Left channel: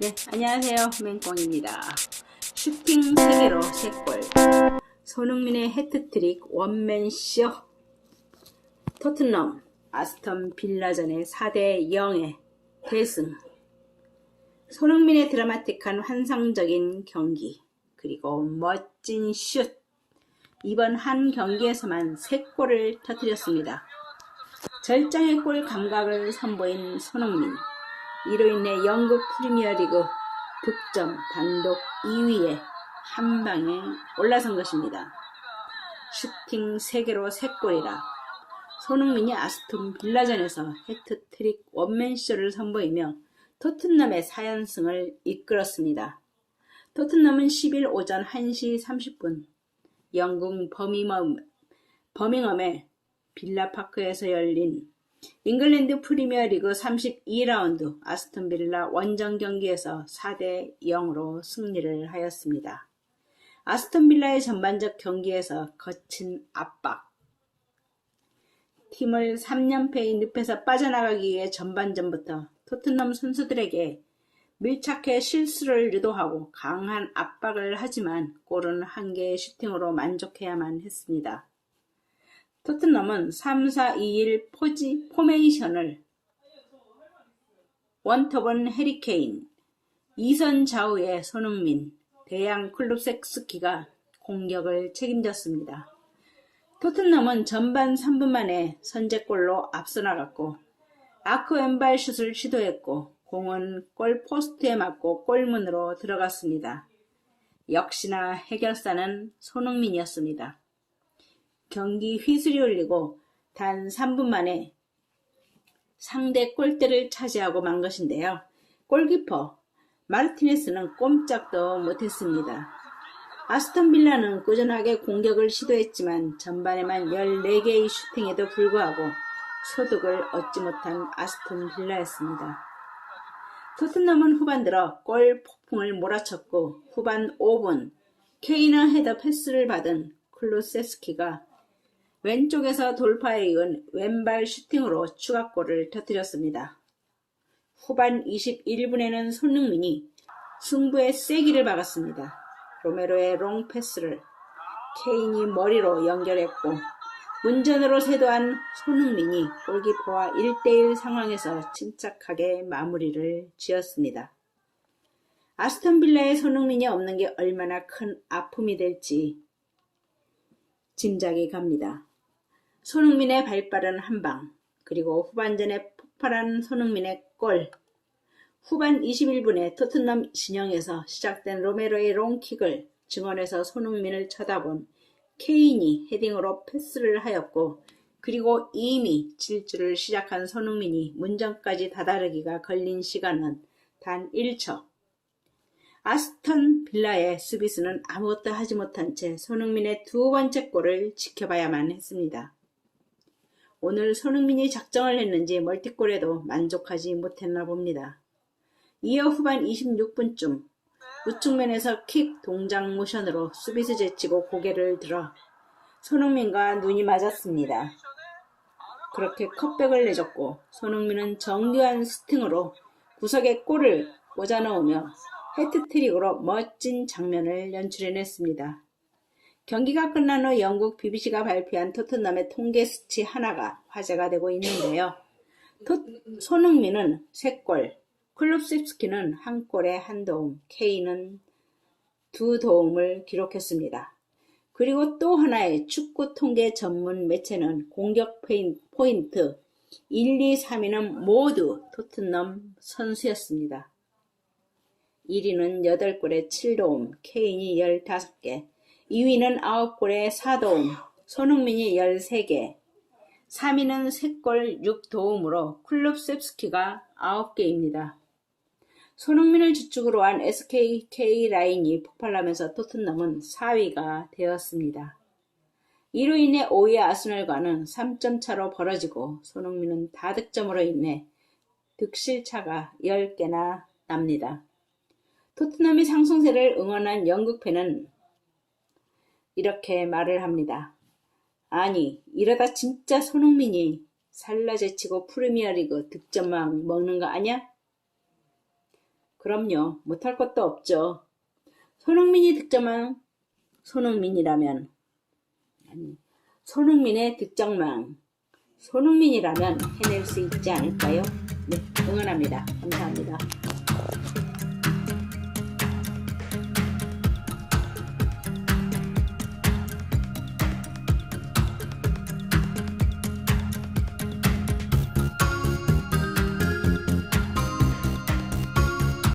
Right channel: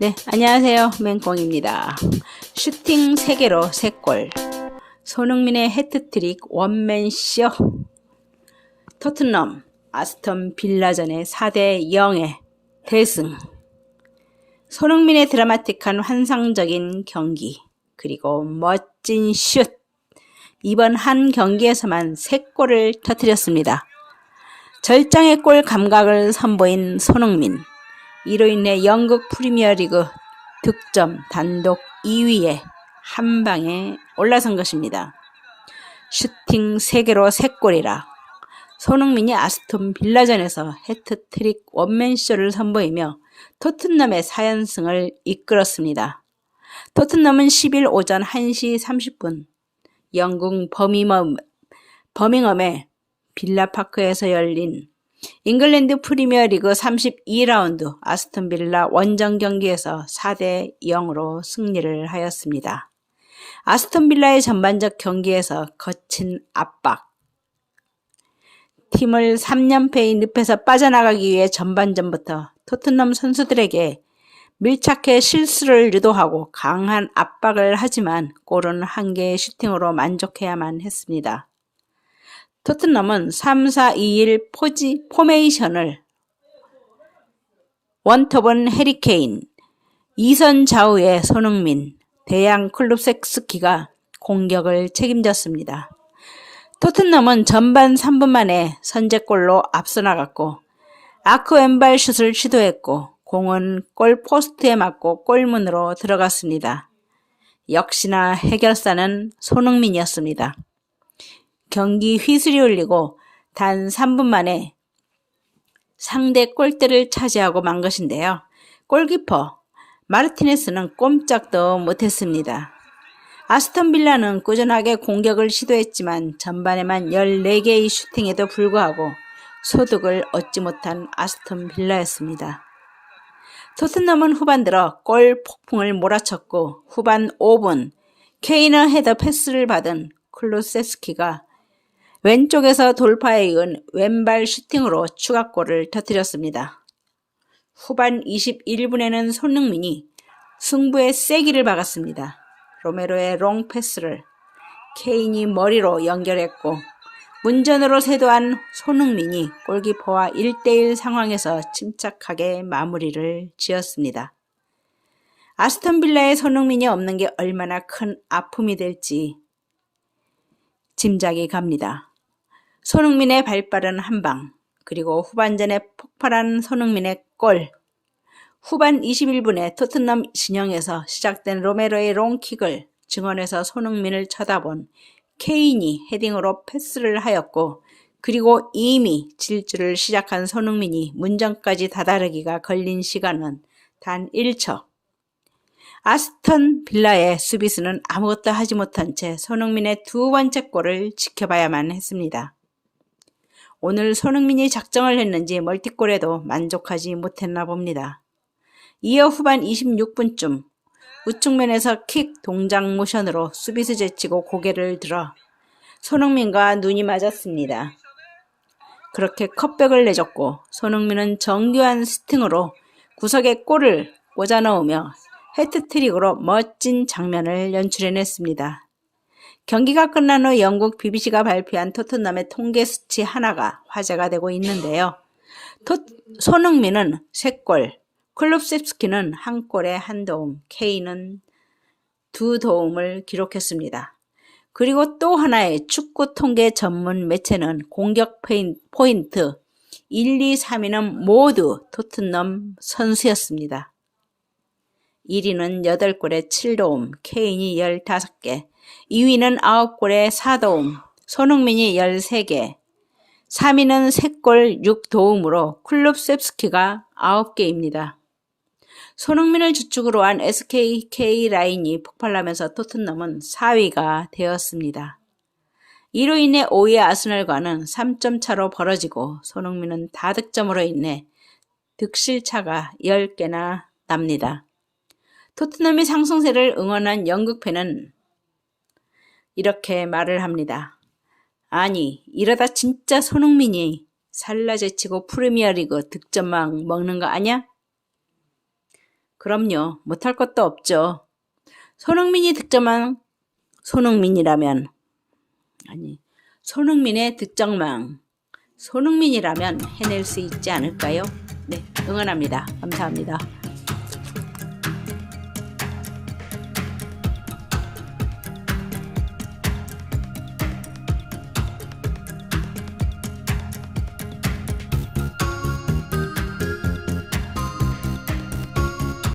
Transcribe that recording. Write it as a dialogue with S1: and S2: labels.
S1: 네, 안녕하세요. 맹꽁입니다. 슈팅 3개로 3골. 손흥민의 헤트트릭 원맨쇼. 토트넘 아스톤 빌라전의 4대 0의 대승. 손흥민의 드라마틱한 환상적인 경기. 그리고 멋진 슛. 이번 한 경기에서만 3골을 터뜨렸습니다. 절정의 골 감각을 선보인 손흥민. 이로 인해 영국 프리미어리그 득점 단독 2위에 한 방에 올라선 것입니다. 슈팅 3개로 3골이라 손흥민이 아스톤 빌라전에서 해트트릭 원맨쇼를 선보이며 토트넘의 4연승을 이끌었습니다. 토트넘은 10일 오전 1시 30분 영국 버밍엄, 버밍엄의 빌라파크에서 열린 잉글랜드 프리미어리그 32라운드 아스톤 빌라 원정 경기에서 4대 0으로 승리를 하였습니다. 아스톤 빌라의 전반적 경기에서 거친 압박, 팀을 3연패의 늪에서 빠져나가기 위해 전반전부터 토트넘 선수들에게 밀착해 실수를 유도하고 강한 압박을 하지만 골은 한 개의 슈팅으로 만족해야만 했습니다. 토트넘은 3-4-2-1 포지, 포메이션을 원톱은 해리케인, 2선 좌우의 손흥민, 대양 클룹섹스키가 공격을 책임졌습니다. 토트넘은 전반 3분 만에 선제골로 앞서 나갔고 아크 왼발 슛을 시도했고 공은 골 포스트에 맞고 골문으로 들어갔습니다. 역시나 해결사는 손흥민이었습니다. 경기 휘슬이 울리고 단 3분 만에 상대 골대를 차지하고 만 것인데요. 골키퍼 마르티네스는 꼼짝도 못했습니다. 아스톤 빌라는 꾸준하게 공격을 시도했지만 전반에만 14개의 슈팅에도 불구하고 소득을 얻지 못한 아스톤 빌라였습니다. 토트넘은 후반 들어 골 폭풍을 몰아쳤고 후반 5분 케이너 헤더 패스를 받은 클로세스키가 왼쪽에서 돌파에 이은 왼발 슈팅으로 추가골을 터뜨렸습니다. 후반 21분에는 손흥민이 승부의 세기를 박았습니다. 로메로의 롱 패스를 케인이 머리로 연결했고 문전으로 세도한 손흥민이 골키퍼와 1대1 상황에서 침착하게 마무리를 지었습니다. 아스톤 빌라의 손흥민이 없는 게 얼마나 큰 아픔이 될지 짐작이 갑니다. 손흥민의 발빠른 한방, 그리고 후반전에 폭발한 손흥민의 골, 후반 21분에 토트넘 진영에서 시작된 로메로의 롱킥을 증언해서 손흥민을 쳐다본 케인이 헤딩으로 패스를 하였고 그리고 이미 질주를 시작한 손흥민이 문전까지 다다르기가 걸린 시간은 단 1초. 아스턴 빌라의 수비수는 아무것도 하지 못한 채 손흥민의 두 번째 골을 지켜봐야만 했습니다. 오늘 손흥민이 작정을 했는지 멀티골에도 만족하지 못했나 봅니다. 이어 후반 26분쯤 우측면에서 킥 동작 모션으로 수비수 제치고 고개를 들어 손흥민과 눈이 맞았습니다. 그렇게 컵백을 내줬고 손흥민은 정교한 스팅으로 구석에 골을 꽂아 넣으며 헤트트릭으로 멋진 장면을 연출해냈습니다. 경기가 끝난 후 영국 BBC가 발표한 토트넘의 통계 수치 하나가 화제가 되고 있는데요. 토, 손흥민은 3골, 클럽셉스키는 한 골에 한 도움, K는 두 도움을 기록했습니다. 그리고 또 하나의 축구 통계 전문 매체는 공격 포인트 1, 2, 3위는 모두 토트넘 선수였습니다. 1위는 8골에 7도움, 케인이 15개, 2위는 9골에 4도움, 손흥민이 13개, 3위는 3골 6도움으로 클럽 셉스키가 9개입니다. 손흥민을 주축으로 한 SKK 라인이 폭발하면서 토트넘은 4위가 되었습니다. 이로 인해 5위 아스널과는 3점 차로 벌어지고 손흥민은 다득점으로 인해 득실차가 10개나 납니다. 토트넘의 상승세를 응원한 영국 팬은 이렇게 말을 합니다. 아니, 이러다 진짜 손흥민이 살라 제치고 프리미어리그 득점왕 먹는 거 아냐? 그럼요. 못할 것도 없죠. 손흥민이 득점한 손흥민이라면 아니 손흥민의 득점왕 손흥민이라면 해낼 수 있지 않을까요? 네, 응원합니다. 감사합니다.